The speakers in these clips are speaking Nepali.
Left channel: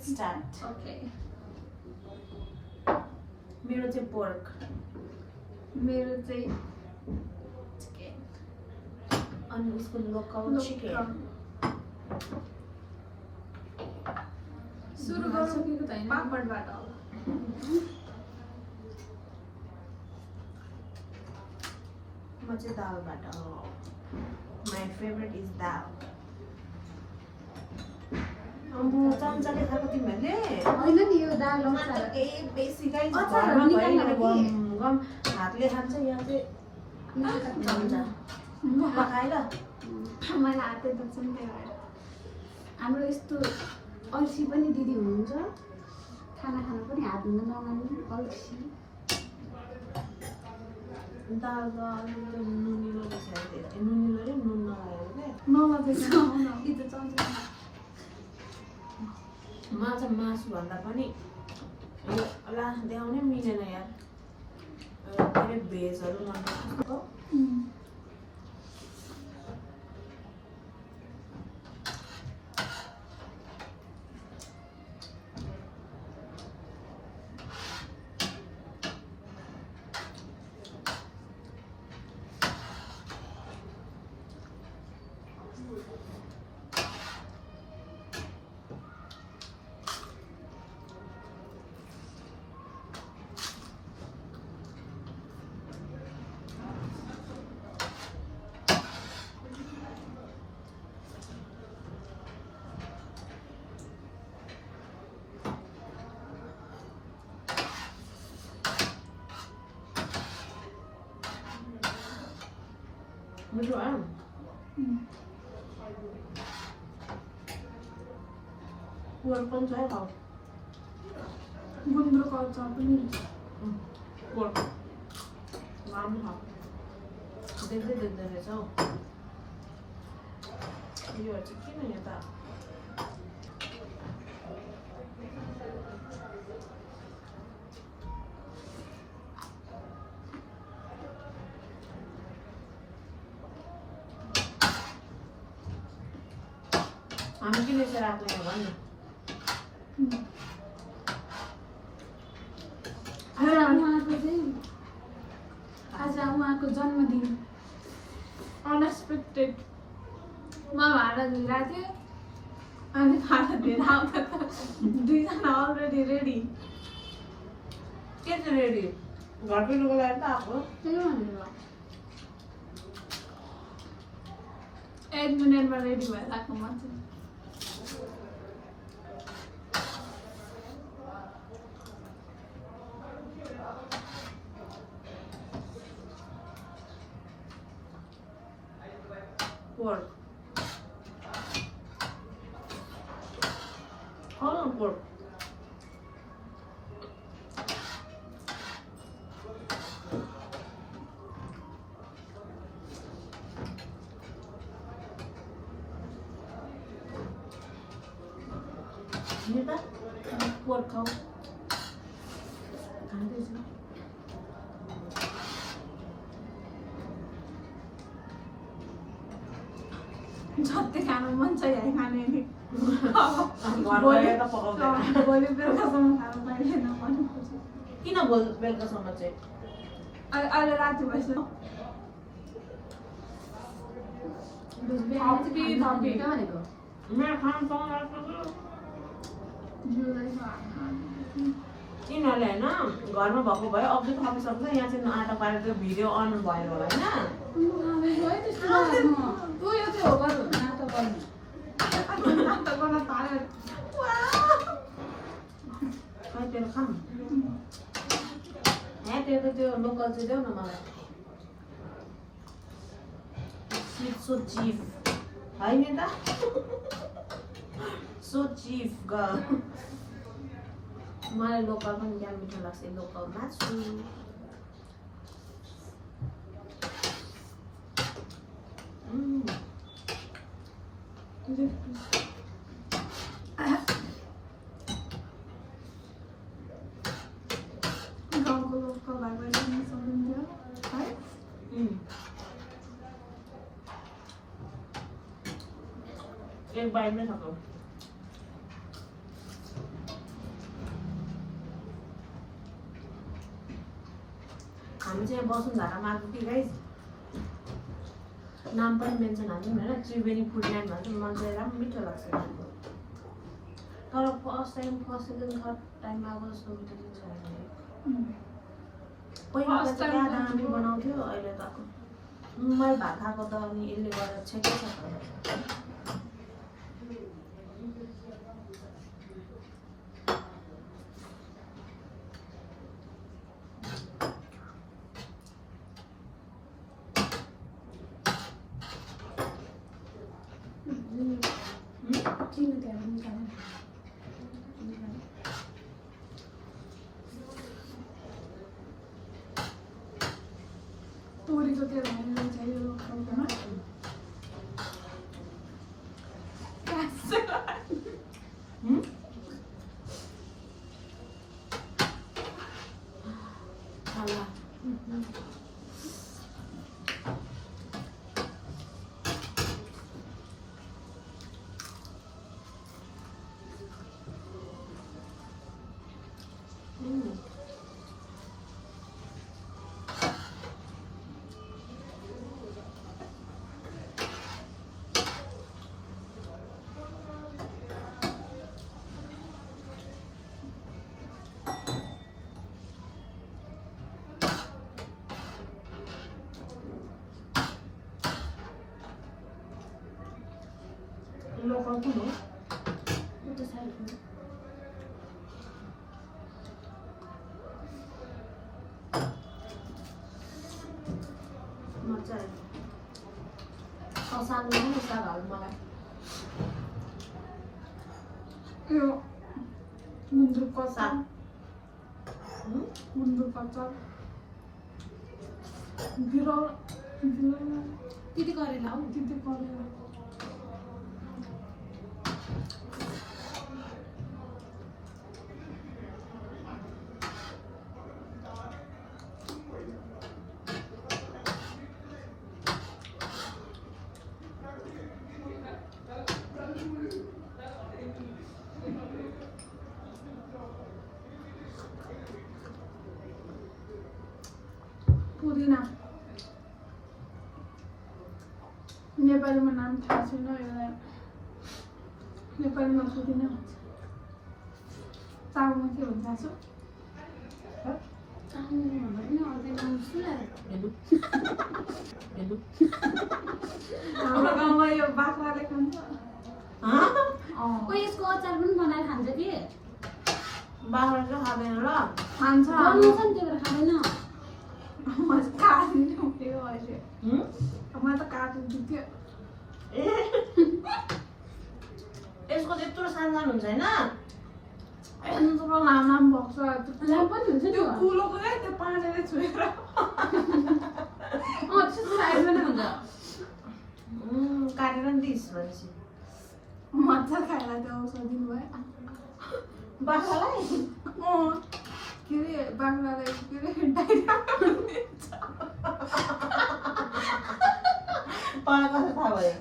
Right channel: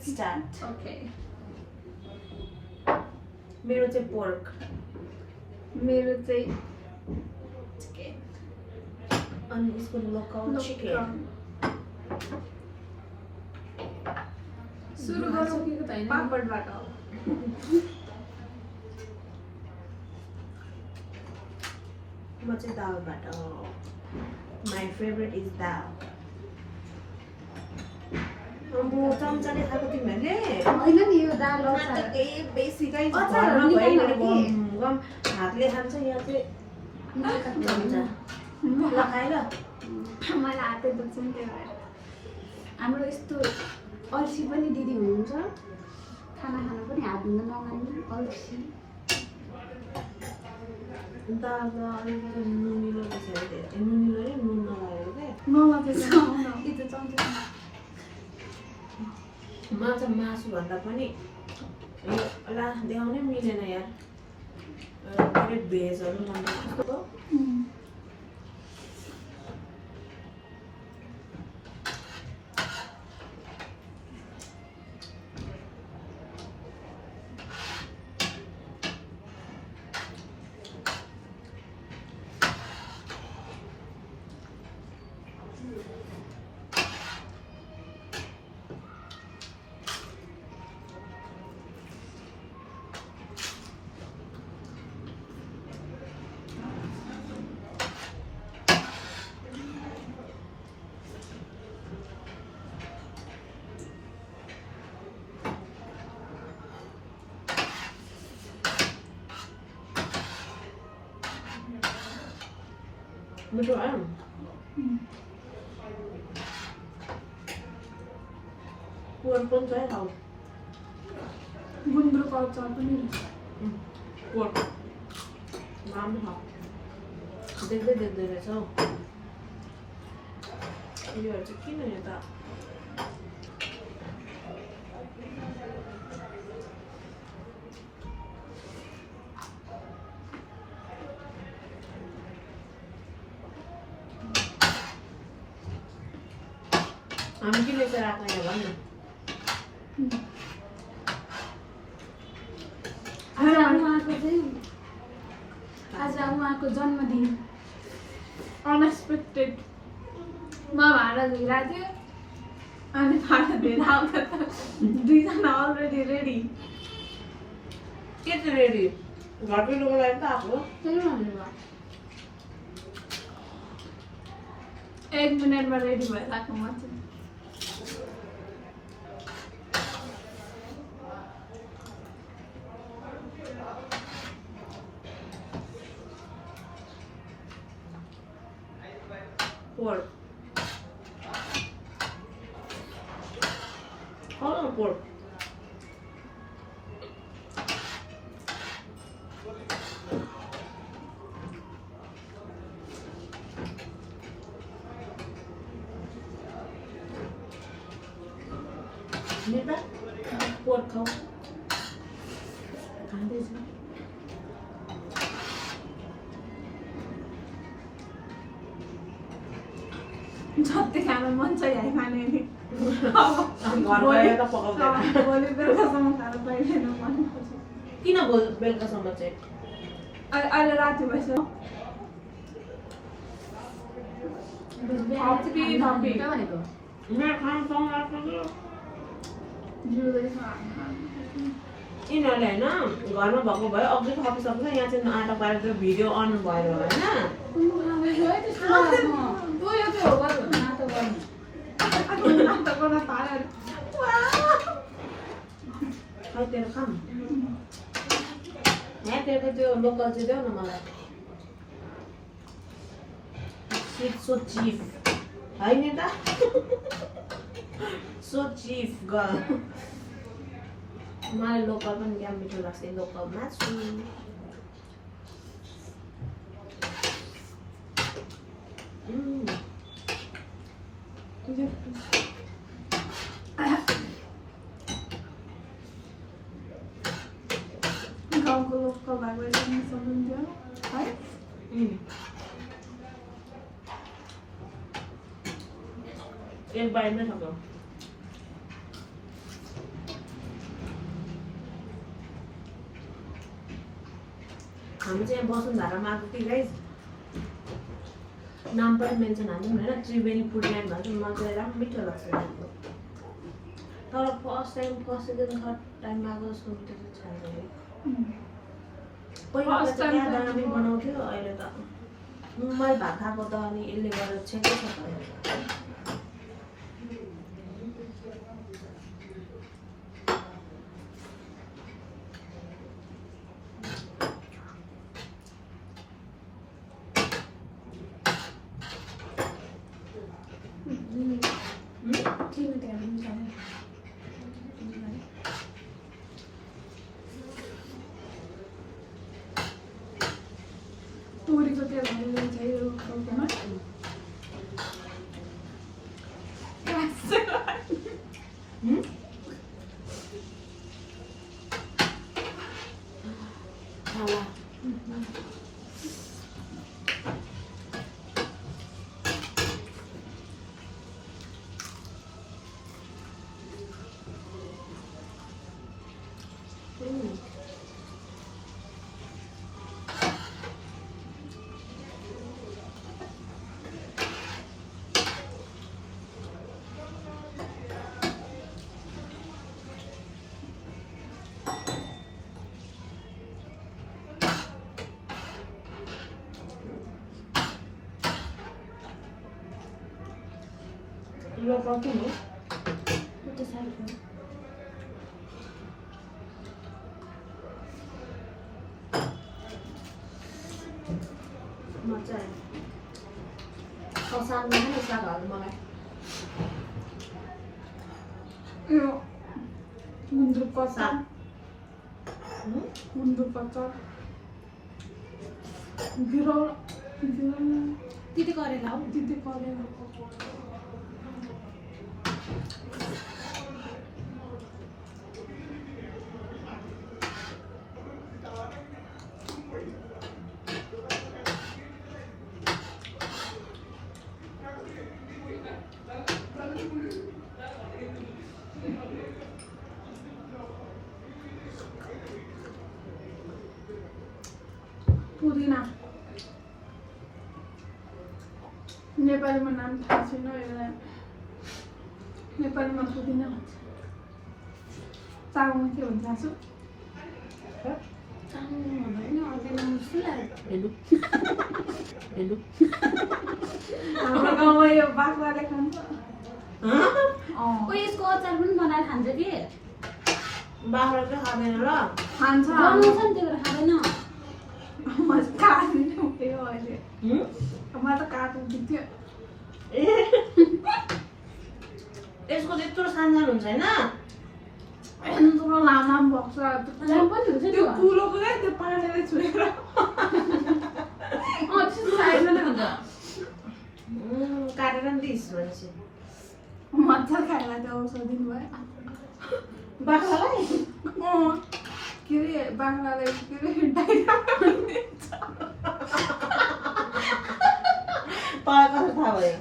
Let's start. Okay. मेरो चाहिँ pork. मेरो चाहिँ chicken. अनि उसको local chicken. सुरु गरौँ पापडबाट. म चाहिँ दालबाट. My favorite is dal. अम्बो चम्चाले खाएको तिमीहरूले होइन नि यो दाल हो केही बेसी चाहिँ घरमा भइरहेको गम गम हातले खान्छ यहाँ चाहिँ चम्चा ल खाएर मलाई हातै दुख्छ नि त्यही भएर हाम्रो यस्तो अल्छी पनि दिदी हुनुहुन्छ खाना खानु पनि हात धुन नलाग्ने अल्छी दाल त अलिकति नुनिलो रहेछ नुनिलो नि नुन नलागेको क्या माछा मासुभन्दा पनि ला देखाउनै मिलेन यार भेजहरू मन पर्छ मिठो आयो पोर पनि छ खाऊ गुन्द्रुकको अचार पनि पोर राम्रो छ देख्दै देख्दै रहेछ हौ यिनीहरू चाहिँ किन यता हामी किन यसो राख्दैन भन्नु आज उहाँको जन्मदिन अनएक्सपेक्टेड म भाडा धोइरहेको थिएँ अनि भाडा धोएर आउँदा त दुईजना अलरेडी रेडी के चाहिँ रेडी घरकै लुगा लगाएर त आएको त्यही भन्नुभयो 1 मिनटमा रेडी भइरहेको म चाहिँ pork. Hold on, pork. Nita, pork kau. Kandes. जति खान मन छ यहाँ खाने नि भोलि बेलुकासम्म खानु पाइँदैन भनेपछि किन बेलुकासम्म चाहिँ अहिले राति भइसक्यो मेरो खानुसँग यिनीहरूले होइन घरमा भएको भए अघि थपिसक्छ यहाँ चाहिँ आँटा पारेर त्यो भिडियो अन भएर होला होइन तेरो खाम यहाँ तेरो त्यो लोकल चाहिँ देऊ न मलाई सो चिफ होइन त सो चिफ गर्ल मलाई लोकल पनि क्या मिठो लाग्छ लोकल मासु गाउँको लोकल भएको एकदमै सकिन्थ्यो है एक बाइटमै सक्यो हामी चाहिँ यहाँ वसुन्धरामा आएको थियौँ गाइस। नाम पनि मेन्सन हाल्यौँ होइन, त्रिवेणी फुड एन्डमा चाहिँ मलाई चाहिँ राम्रो मिठो लाग्छ यहाँको। तर first time first second third टाइममा अब जस्तो मिठो छैन। पहिला First चाहिँ time त्यहाँ त दामी बनाउँथ्यो, अहिले त मुम्बई भात खाएको त अनि यसले गर्दा छेकै छ त। तोरीको तेल हालेर चाहिँ यो खाउमा Lo papu no? उता साइडमा मजा आयो। सागमा खाने साग हाल्नु मलाई। यो गुन्द्रुकको साग। अचार गुन्द्रुकको अचार बिरालो तिते करेला हो। दिदी करेला पुदिना नेपालीमा नाम थाहा छैन यसलाई नेपालीमा पुदिना भन्छ चाउमा के भन्छ आजु हेलो। हाम्रो गाउँमा यो बाख्राले खान्छ यसको अचार पनि बनाएर खान्छ कि बाख्रा चाहिँ खाँदैन र। खान्छ बनाउँछ नि त्यो खाँदैन। म काट्नु उठ्यो अहिले म त काट्नु दिन्थ्यो यसको त्यत्रो सानो हुन्छ होइन। यत्रो लामो भएको छ राम पनि हुन्छ त्यो त्यो कुलोको क्या त्यो पानीले छुएर साइडमा नै हुन्छ। काटेर नि दिइस् भनेपछि मजा खाइला त्यो औषध दिनुभयो बाख्रालाई के अरे बाख्रालाई के अरे डाइरिया तँलाई कसो थाहा भयो?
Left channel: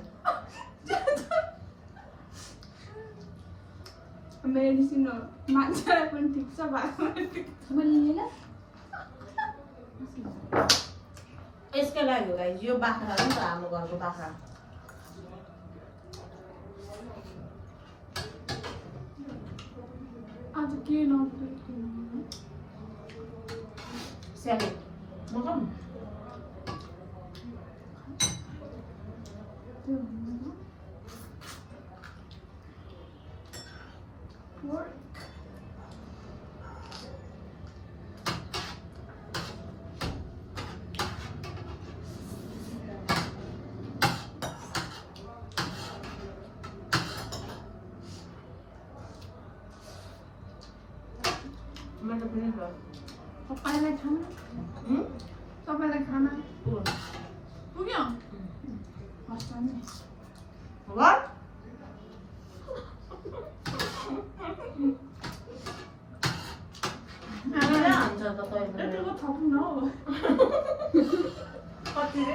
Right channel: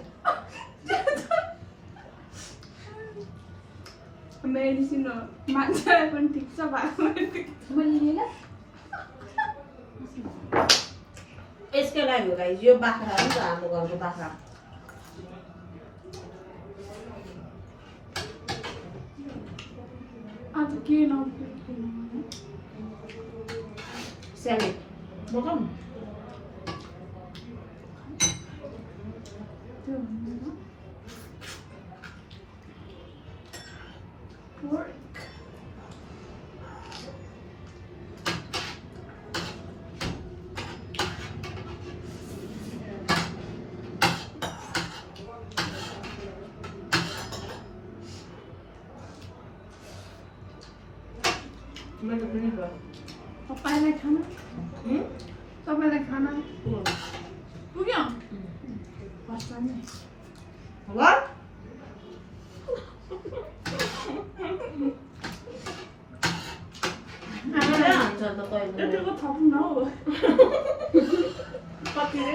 मेडिसिन हो मान्छेलाई पनि ठिक छ बाख्रालाई ठिक छ मैले लिएँ यसकै लागि हो गाइस, यो बाख्रा हो नि त हाम्रो घरको बाख्रा। आज के नपेट किन स्यालेड मगाउँ। त्यो भन्नु वर्क मैले पनि गयो। तपाईँलाई खाना तपाईँलाई खाना पुग्यो फर्स्ट टाइम नै What? यतिको थप्नु न हौ कति रे?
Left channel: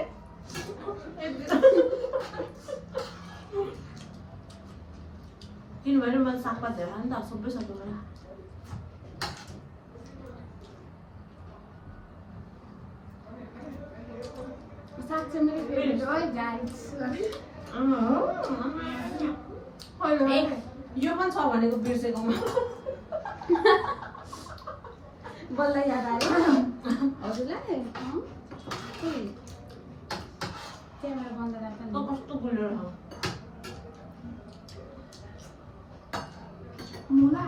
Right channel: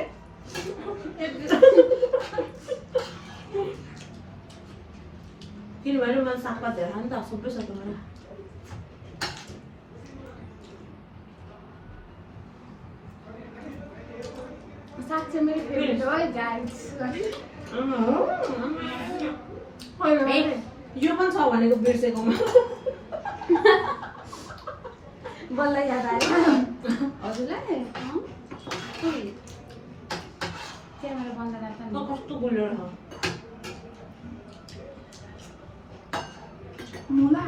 किनभने मैले सागपात धेरै खाएँ नि त, सबै सक्नु होला। है गाइस यो पनि छ भनेको बिर्सेको बल्ल याद आयो हजुरलाई क्यामेरा बन्द राख्दा कस्तो गुलियो छ मुला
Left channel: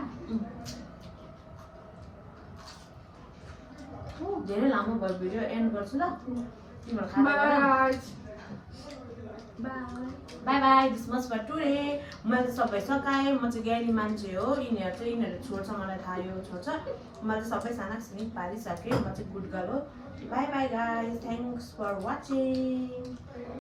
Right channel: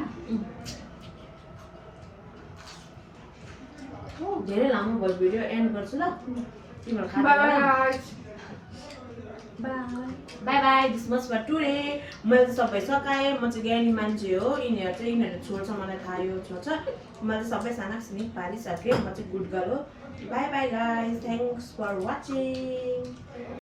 धेरै लामो भयो भिडियो एन्ड गर्छु ल तिम्रो बाय खाना bye bye bye this much for today मैले चाहिँ सबै सकाएँ म चाहिँ ज्ञानी मान्छे हो यिनीहरू छोड्छ मलाई थाहा यो छोड्छ मैले सबै साना सिनिक पारिसकेँ म चाहिँ गुड गर्ल हो bye bye guys thanks for watching